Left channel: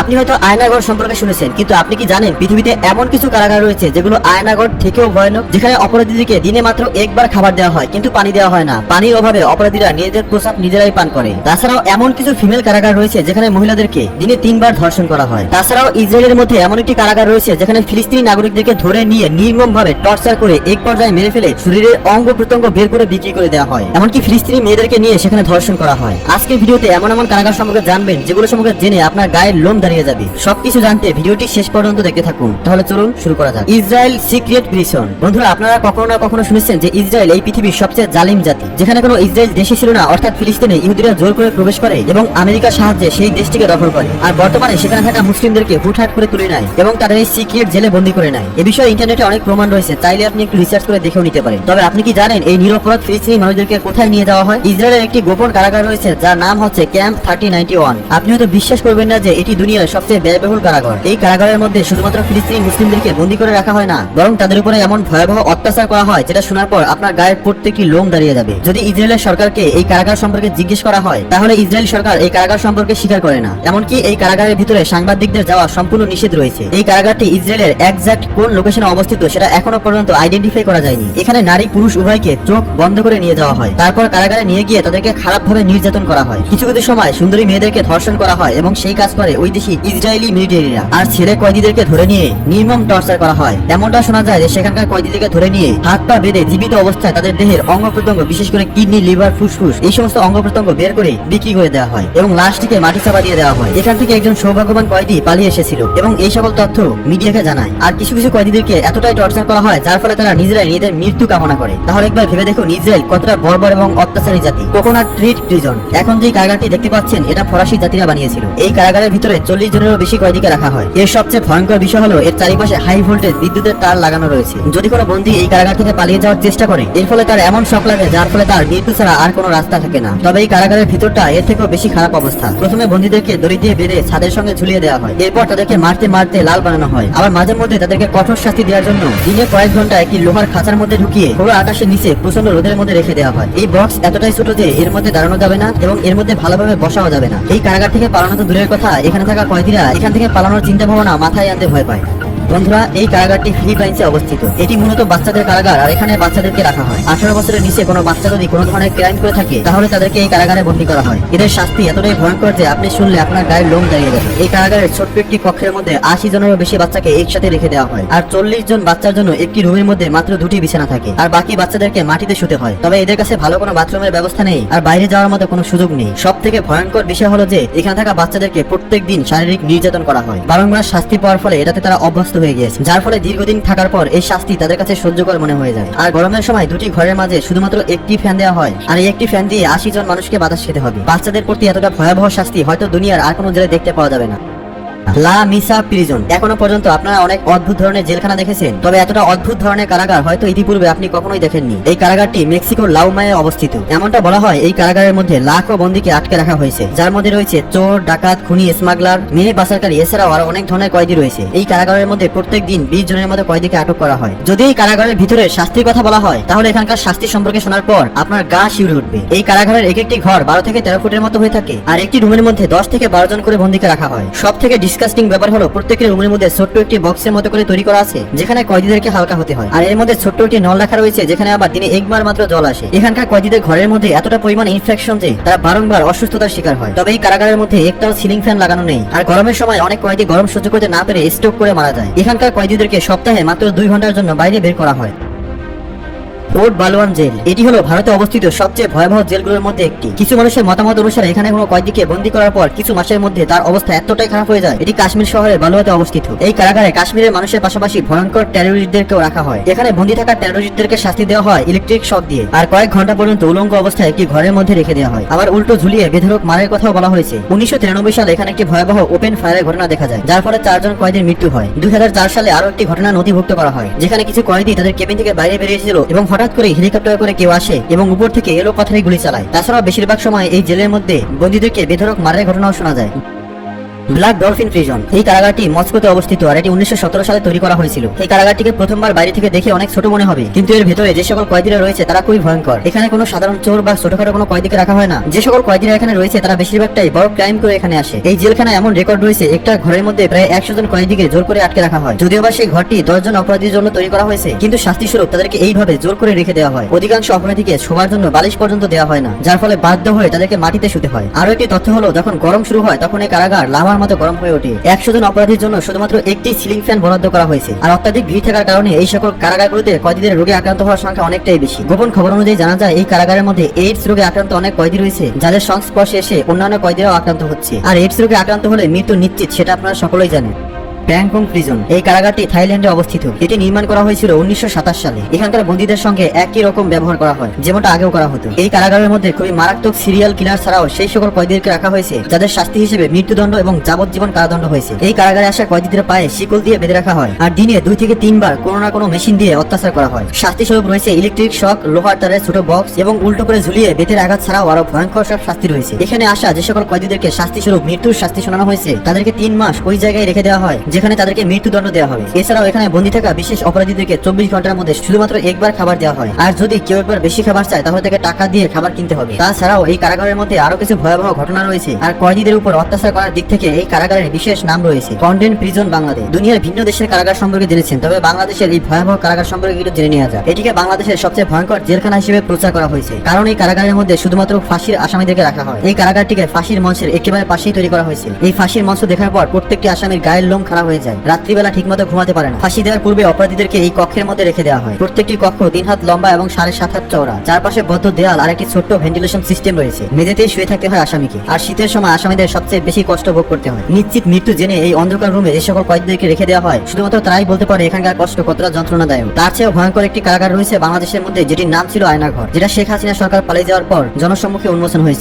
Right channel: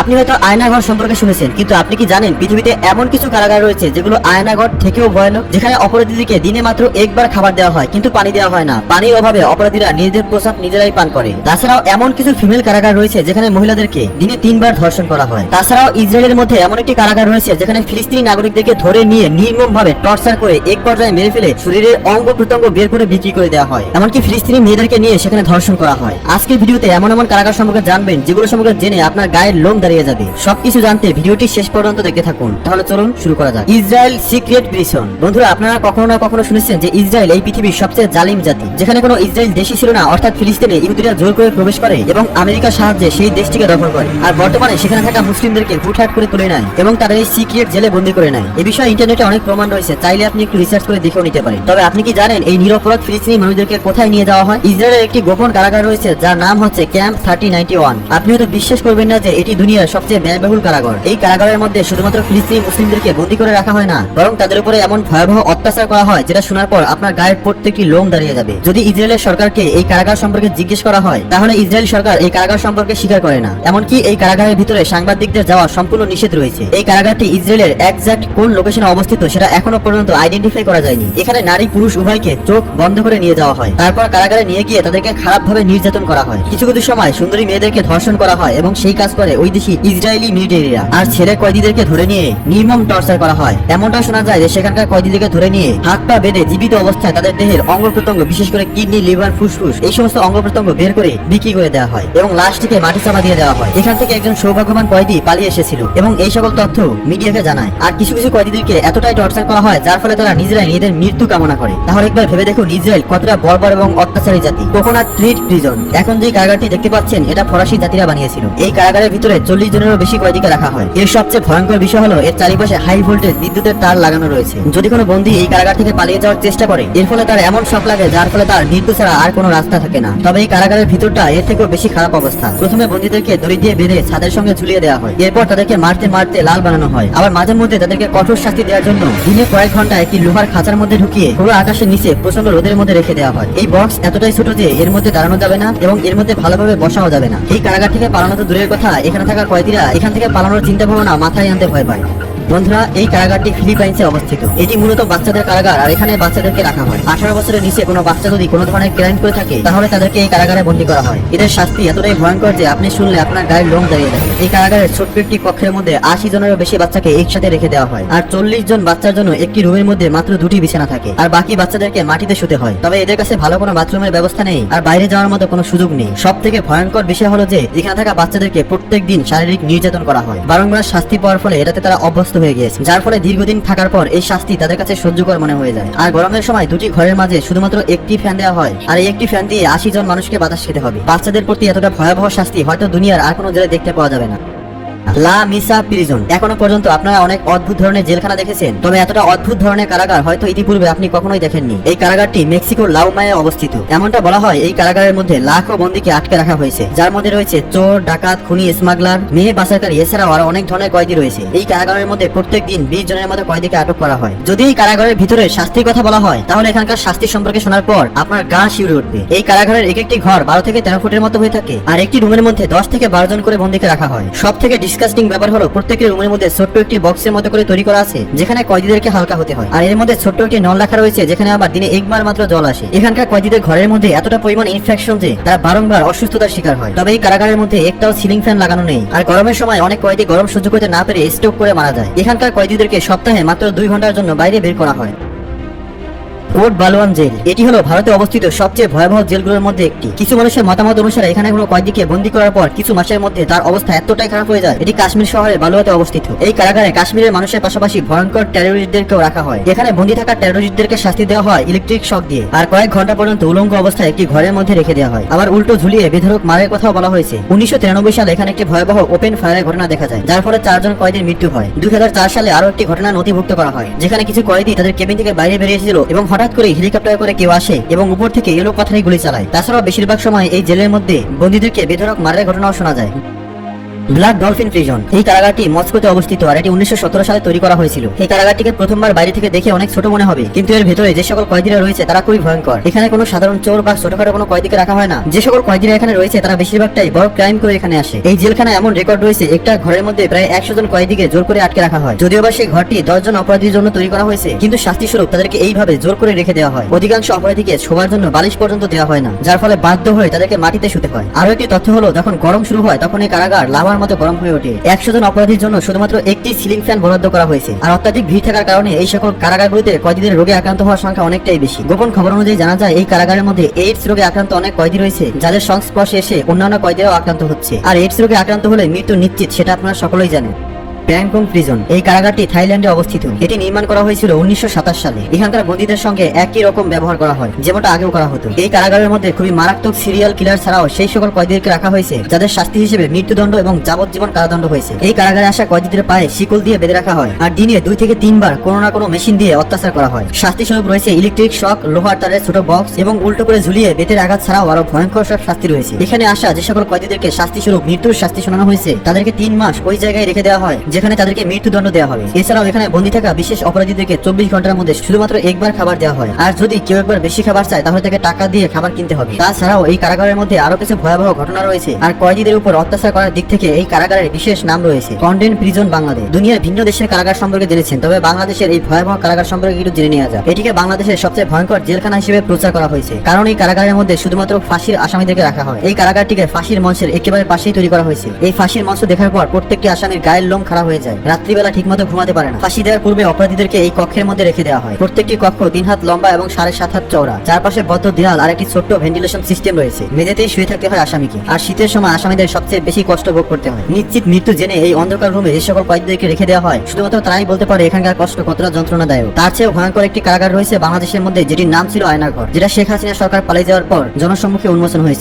আপনি হয়তো আয়নাঘর সম্পর্কে শুনেছেন, কিন্তু আপনি কি জানেন পৃথিবীতে এমন কিছু কারাগার রয়েছে যেগুলো আয়নাঘর থেকেও ভয়ানক, যেখানে অপরাধীদেরকে দিনে মাত্র একবার খাবার দেওয়া হয় কিন্তু পানি দেওয়া হয় না। পানির অভাবে অপরাধীরা নিজেদের প্রসাদ নিজেরাই পান করে। তাছাড়াও এমন কিছু ফিমেল কারাগার রয়েছে যেখানে মহিলাদেরকে দিনে 3 বার ধর্ষণ করা হয়। তাছাড়াও ইসরায়েলের মধ্যে এমন একটি কারাগার রয়েছে যেখানে ফিলিস্তিনি নাগরিকদেরকে ধরে নিয়ে নির্মম ভাবে টর্চার করে এক পর্যায়ে মেরে ফেলে শরীরের অঙ্গ প্রত্যঙ্গ বের করে বিক্রি করে দেওয়া হয়। এমনকি ফিলিস্তিনি মেয়েদেরকে নিয়ে সেখানে ধর্ষণ করা হয়। আজকের ভিডিওতে এমন এমন কারাগার সম্পর্কে জানবেন যেগুলো সম্পর্কে জেনে আপনার গায়ের লোম দাঁড়িয়ে যাবে। সবকিছু জানতে ভিডিওটি শেষ পর্যন্ত দেখতে থাকুন। তাহলে চলুন শুরু করা যাক। Israel secret prison. বন্ধুরা, আপনারা কখনো না কখনো শুনেছেন যে ইসরায়েল এই পৃথিবীর সবচেয়ে জালিম জাতি, যেখানে কোনো ইসরায়েল দেশই ছিল না, অর্থাৎ ফিলিস্তিনে ইহুদিরা জোর করে প্রবেশ করে এবং আমেরিকার সাহায্যে সেই দেশটিকে দখল করে। আর বর্তমানে সেখানে থাকা মুসলিমদেরকে হুটহাট করে তুলে নেয় এবং তাদের এই সিক্রেট জেলে বন্দী করে নেয়। এ বিষয়ে ইন্টারনেটে অনেক প্রমাণ রয়েছে, চাইলে আপনি একটু রিসার্চ করে দেখেও নিতে পারেন। তবে আপনি কি জানেন এই নিরপরাধ ফিলিস্তিনি মানুষদেরকে কোথায় নিয়ে যাওয়া হয়? ইসরায়েলের একটি গোপন কারাগার রয়েছে যার নাম হচ্ছে ক্যাম্প 3091। আপনি হয়তো বিশ্বাস করবেন না যে এটি দুনিয়ার সবচেয়ে ব্যয়বহুল কারাগার। এই কারাগারের মধ্যে শুধুমাত্র ফিলিস্তিনি মুসলিমদেরকে বন্দী করে রাখা হয় না, বরং তাদের উপরে এমন ভয়াবহ অত্যাচার করা হয় যেটা শোনার পর আপনার গায়ের প্রত্যেকটি লোম দাঁড়িয়ে যাবে। যদি ইসরায়েলের সরকারকে এই কারাগার সম্পর্কে জিজ্ঞেস করা হয়, তাহলে ইসরায়েল সরকার এই কারাগার সম্পর্কে স্বীকার করে না। এমনকি এই কারাগারের ভিতরে সাংবাদিকদের যাওয়া সম্পূর্ণ নিষেধ রয়েছে। এই কারাগারটি ইসরায়েলের এক্সাক্ট কোন লোকেশনে অবস্থিত সেটা এখনো পর্যন্ত আইডেন্টিফাই করা যায়নি। এখানে নারী পুরুষ উভয়কে চোখ বন্ধ করে নিয়ে যাওয়া হয়, তারপর কারাগারে নিয়ে গিয়ে তাদেরকে খারাপভাবে নির্যাতন করা হয়। কিছু কিছু সময় সুন্দরী মেয়েদেরকে ধর্ষণ করা হয় এবং সেই কাজ করে ওই দেশি ইসরায়েলি মিলিটারিরা। আর ছেলে কয়েদিদেরকে ধরে নিয়ে নির্মম টর্চার করা হয়। এমনটা শোনা যায় যে সেখানকার কয়েদিদেরকে ধরে নিয়ে হাত পা বেঁধে জীবিত অবস্থায় তাদের দেহের অঙ্গ প্রত্যঙ্গ, বিশেষ করে কিডনি, লিভার, ফুসফুস, এই সমস্ত অঙ্গ প্রত্যঙ্গ বের করে বিক্রি করে দেওয়া হয় এবং লাশটিকে মাটি চাপা দিয়ে দেওয়া হয়। এখান থেকে একজন সৌভাগ্যবান কয়েদি পালিয়ে এসেছিল এবং এই সকল তথ্য মিডিয়াকে জানায়। আর কিছু কিছু কয়েদিদেরকে এতটাই টর্চার করা হয় যার ফলে তারা নিজেরাই এদের মৃত্যু কামনা করে। তাহলে একবার ভেবে দেখুন ইসরায়েল কতটা বর্বর এবং অত্যাচারী জাতি। Coconut trade prison. এখন যে কারাগারটি দেখতে পাচ্ছেন এটা ফরাসি জাতিরা বানিয়েছিল। এই কারাগারের ভিতরে 40 জনেরও বেশি কয়েদিকে রাখা হয়। এর সবচেয়ে ভয়ঙ্কর বিষয় হলো এর চারিপাশে হাই ভোল্টেজ বিদ্যুতের তার লাগানো রয়েছে। যদি কোনো বন্দী এই কারাগার থেকে পালিয়ে যাওয়ার চেষ্টা করে, এর ফলে তার এমন শক লাগে যার ফলে তার মৃত্যু ছাড়া আর কোনো রাস্তা থাকে না। তবে এই কারাগারের ভিতরটা এর থেকেও বেশি খারাপ অবস্থা। প্রথমে বন্দীদেরকে দড়ি দিয়ে বেঁধে ছাদের সঙ্গে ঝুলিয়ে দেওয়া হয়। এরপর তাদেরকে মারতে মারতে লাল বানানো হয়। আবার মাঝে মধ্যে তাদেরকে কঠোর শাস্তি দেওয়ার জন্য দিনে কয়েক ঘন্টা একটি লোহার খাঁচার মধ্যে ঢুকিয়ে খোলা আকাশের নিচে প্রচন্ড রোদের মধ্যে রেখে দেওয়া হয়। এই বক্স এতটাই ছোট যে এর মধ্যে দাঁড়ানো যাবে না এবং এর মধ্যে ভালোভাবে বসাও যাবে না। এই কারাগার থেকে পালানো তো দূরের কথা, এখানে থাকা কয়েদিরা এখান থেকে পালানোর চিন্তা ভাবনা মাথায় আনতে ভয় পায়। বন্ধুরা, এই কারাগারটি ফিলিপাইন্সে অবস্থিত। এটি মূলত বাচ্চাদের কারাগার, আর এখানে বাচ্চাদেরকে রাখা হয়। 18 বছরের নিচে কোনো বাচ্চা যদি কোনো ধরনের ক্রাইম করে থাকে তাহলে তাদেরকে এই কারাগারে বন্দী করা হয়। এদের শাস্তি এতটাই ভয়ঙ্কর যে আপনি শুনলে আপনার গায়ের লোম দাঁড়িয়ে যাবে। এই কারাগারের ছোট্ট একটি কক্ষের মধ্যে 80 জনেরও বেশি বাচ্চাকে একসাথে রেখে দেওয়া হয়। আর 40 জন বাচ্চার জন্য একটি রুমের মধ্যে মাত্র 2টি বিছানা থাকে, আর বাকি বাচ্চাদেরকে মাটিতে শুতে হয়। তবে এদের কাছে ভালো কোনো বাথরুমের ব্যবস্থা নেই আর বাইরে যাওয়ার মতো কোনো সুযোগ নেই। সব থেকে ভয়ঙ্কর বিষয় হলো যে এখানে থাকা বাচ্চাদেরকে প্রত্যেক দিন শারীরিক নির্যাতন করা হয়। বারংবার শাস্তি পাওয়ার ফলে এটাতে তারা অভ্যস্ত হয়ে গিয়েছে, যার ফলে দীর্ঘদিন থাকার পর এই শাস্তি তাদের কাছে সহ্য করে মনে হয়ে যায়। আর গরমের সময় 2টি ঘরের মাঝে শুধুমাত্র একটি ফ্যান দেওয়া হয়, আর এই একটি ফ্যান দিয়ে 80 জন মানুষকে বাতাস খেতে হবে। বাচ্চাদের প্রতি এতটা ভয়াবহ শাস্তি হয়তো দুনিয়ার আর কোনো জেলে দেখতে পাওয়া যাবে না। লা মিসা প্রিজন। এখনো পর্যন্ত আপনারা অনেক অদ্ভুত ধরনের জেলখানা দেখেছেন, তবে এতটা অদ্ভুত ধরনের কারাগার হয়তো ইতিপূর্বে আপনি কখনোই দেখেননি। এই কারাগারটি মেক্সিকোর লাউমায়ে অবস্থিত। এমনটা বলা হয় এই কারাগারের মধ্যে লাখো বন্দীকে আটকে রাখা হয়েছে, যার মধ্যে রয়েছে চোর, ডাকাত, খুনি, স্মাগলার, মেয়ে পাচারকারী, এছাড়াও আরো অনেক ধরনের কয়েদি রয়েছে। এই কারাগারের মধ্যে প্রত্যেক দিন 20 জনের মতো কয়েদিকে আটক করা হয়। যদি এই কারাগারের ভিতরে শাস্তির কথা বলা হয় তাহলে এখানকার শাস্তি সম্পর্কে শোনার পর আপনার গা শিউরে উঠবে। এই কারাগারের এক একটি ঘর 12 থেকে 13 ফুটের মতো হয়ে থাকে, আর একটি রুমের মধ্যে 10 থেকে 12 জন করে বন্দীকে রাখা হয়। সব থেকে ডিসকাস্টিং ব্যাপার হলো প্রত্যেকের রুমের মধ্যে ছোট্ট একটি বক্সের মতো করে তৈরি করা আছে যেখানে কয়েদিদেরকে হালকা হতে হয়, আর এর মধ্যে ছোট্ট একটি নল রাখা রয়েছে যেখানে আবার দিনে একবার মাত্র জল আসে। এখানকার কয়েদিদের ঘরের মধ্যে এতটা পরিমাণ ইনফেকশন যে তারা বারংবার অসুস্থতার শিকার হয়। তবে এই কারাগারের মধ্যে একটাও সিলিং ফ্যান লাগানো নেই, আর গরমের সময় অনেক কয়েদি গরম সহ্য করতে না পেরে স্ট্রোক করে মারা যায়। এখানকার কয়েদিদেরকে সপ্তাহে মাত্র 2 ঘন্টার জন্য বাইরে বের করা হয়। কোট বালওয়ান জেল। এটি হলো ভারতে অবস্থিত সবচেয়ে ভয়াবহ জেলগুলোর মধ্যে একটি। কিছু মানুষের মতামত অনুসারে এখানে কোনো কয়েদিকে বন্দী করার পর কিছু মাসের মধ্যে তার অবস্থা এতটাই খারাপ হয়ে যায়। এটি কাশ্মীর শহরের বালুয়াতে অবস্থিত। এই কারাগারে কাশ্মীরের মানুষের পাশাপাশি ভয়ঙ্কর টেরোরিস্টদেরকেও রাখা হয়। এখানে বন্দী থাকা টেরোরিস্টদেরকে শাস্তি দেওয়া হয় ইলেকট্রিক শক দিয়ে, আর কয়েক ঘন্টা পর্যন্ত উলঙ্গ অবস্থায় একটি ঘরের মধ্যে রেখে দেওয়া হয়। আবার উল্টো ঝুলিয়ে বেধড়ক মারের কথাও বলা হয়েছে। 1993 সালে এখানে একটি ভয়াবহ ওপেন ফায়ারের ঘটনা দেখা যায়, যার ফলে 4 জন কয়েদির মৃত্যু হয়। 2004 সালে আরো একটি ঘটনা নথিভুক্ত করা হয়, যেখানে কিছু কয়েদি তাদের কেবিন থেকে বাইরে বেরিয়ে এসেছিল এবং হঠাৎ করে হেলিকপ্টার করে কেউ আসে এবং উপর থেকে এলো পাথরে গুলি চালায়। তাছাড়াও বেশিরভাগ সময় এই জেলের মধ্যে বন্দীদেরকে বেধড়ক মারের ঘটনাও শোনা যায়। Black dolphin prison. এই কারাগারটি মস্কোতে অবস্থিত আর এটি 1917 সালে তৈরি করা হয়েছিল। এই কারাগারটিকে প্রথমবার বাইরে থেকে দেখে অনেক ছোট মনে হবে, কিন্তু এর ভেতরে যে সকল কয়েদিরা রয়েছে তারা খুবই ভয়ঙ্কর। এখানে কোনো সাধারণ চোর বা ছোটখাটো কোনো কয়েদিকে রাখা হয় না। যে সকল কয়েদিরা এখানে রয়েছে তারা বেশিরভাগটাই বড় ক্রাইম করে এখানে আসে। এই জেলখানা এমন রেকর্ড রয়েছে, একটা ঘরের মধ্যে প্রায় 100 জন কয়েদিকে জোর করে আটকে রাখা হয়। যদিও বা সেই ঘরটি 10 জন অপরাধীর জন্য তৈরি করা হয়েছে, কিন্তু শাস্তি স্বরূপ তাদেরকে এইভাবে জোর করে রেখে দেওয়া হয়। অধিকাংশ অপরাধীকে শোবার জন্য বালিশ পর্যন্ত দেওয়া হয় না, যার ফলে বাধ্য হয়ে তাদেরকে মাটিতে শুতে হয়। আরো একটি তথ্য হলো, যখন গরম শুরু হয় তখন এই কারাগার লাভার মতো গরম হয়ে ওঠে। 100 জন অপরাধীর জন্য শুধুমাত্র একটি সিলিং ফ্যান বরাদ্দ করা হয়েছে। আর অত্যাধিক ভিড় থাকার কারণে এই সকল কারাগারগুলোতে কয়েদিদের রোগে আক্রান্ত হওয়ার সংখ্যা অনেকটাই বেশি। গোপন খবর অনুযায়ী জানা যায় এই কারাগারের মধ্যে এইডস রোগে আক্রান্ত অনেক কয়েদি রয়েছে, যাদের সংস্পর্শে এসে অন্যান্য কয়েদিরাও আক্রান্ত হচ্ছে। আর এইডস রোগে আক্রান্ত হলে মৃত্যু নিশ্চিত, সেটা আপনারা সকলেই জানেন। Bangkok prison. এই কারাগারটি থাইল্যান্ডে অবস্থিত। এটি নির্মাণ করা হয়েছিল 1927 সালে। এখানকার বন্দীদের সঙ্গে একই রকম ব্যবহার করা হয় যেমনটা আগেও করা হতো। এই কারাগারের মধ্যে খুবই মারাত্মক সিরিয়াল কিলার ছাড়াও সেই সকল কয়েদিদেরকে রাখা হয়েছে যাদের শাস্তি হিসেবে মৃত্যুদণ্ড এবং যাবজ্জীবন কারাদণ্ড হয়েছে। এই কারাগারে আসা কয়েদিদের পায়ে শিকল দিয়ে বেঁধে রাখা হয় আর দিনে 2 থেকে 3 বার কোনো না কোনো মেশিন দিয়ে অত্যাচার করা হয়। শাস্তি স্বরূপ রয়েছে ইলেকট্রিক শক, লোহার তারের ছোট বক্স এবং উল্টো করে ঝুলিয়ে বেতের আঘাত ছাড়াও আরো ভয়ঙ্কর সব শাস্তি রয়েছে। এখানে আসা যে সকল কয়েদিদেরকে শাস্তি স্বরূপ মৃত্যুর শাস্তি শোনানো হয়েছে তাদেরকে 3 মাস ওই জায়গায় রেখে দেওয়া হয় যেখানে তাদেরকে মৃত্যুদণ্ড দেওয়া হবে। এছাড়াও এখানে বন্দী থাকা বিশেষ অপরাধীদেরকে 24 ঘন্টার মধ্যে শুধুমাত্র একবার খাবার দেওয়া হয়। আর যদি কেউ একবার বেশি খাবার চায় তাহলে তাকে টাকা দিয়ে খাবার কিনতে হবে। তাছাড়াও এই কারাগারের মধ্যে আরো কিছু ভয়াবহ ঘটনা রয়েছে। আর কয়েদিদের উপর অত্যাচার করার দিক থেকে এই কারাগারের বিশেষ নাম রয়েছে কন্ডেন প্রিজন বাংলাদেশ। দুনিয়ার ভিন্ন দেশের কারাগার সম্পর্কে জেনেছেন, তবে বাংলাদেশের এই ভয়াবহ কারাগার সম্পর্কে একটু জেনে নেওয়া যায়। এটিকে বাংলাদেশের সবচেয়ে ভয়ঙ্কর জেলখানা হিসেবে প্রচার করা হয়েছে, কারণ এই কারাগারের মধ্যে শুধুমাত্র ফাঁসির আসামিদেরকে রাখা হয়। এই কারাগারটিকে ফাঁসির মঞ্চের একেবারে পাশেই তৈরি করা হয়েছে। এই ফাঁসির মঞ্চ দেখার পর প্রত্যেকটি আসামির গায়ের লোম খারাপ হয়ে যায়, রাত্রিবেলা ঠিকমতো ঘুমাতে পারে না। ফাঁসি দেওয়ার পূর্বে অপরাধীদেরকে এই কক্ষের মধ্যে রেখে দেওয়া হয়। প্রত্যেকটি কক্ষ 3 হাত লম্বা এবং 7.5 হাত চওড়া। চারপাশে বদ্ধ দেয়াল আর একটি ছোট্ট ভেন্টিলেশন সিস্টেম রয়েছে। মেঝেতেই শুয়ে থাকতে হয় আসামিকে। আর শীতের সময় আসামিদের সবচেয়ে বেশি কষ্ট ভোগ করতে হয়। নিশ্চিত মৃত্যু জেনে এই অন্ধকার রুমে যে সকল কয়েদিদেরকে রেখে দেওয়া হয় শুধুমাত্র তারাই বলতে পারে এখানকার কষ্ট কতটা যন্ত্রণাদায়ক। তার চেয়েও ভয়ঙ্কর একটি কারাগার রয়েছে বাংলাদেশের মধ্যে, যেটির নাম ছিল আয়নাঘর, যেটা শেখ হাসিনা সরকার পালিয়ে যাওয়ার পর জনসম্মুখে উন্মোচন হয়েছে।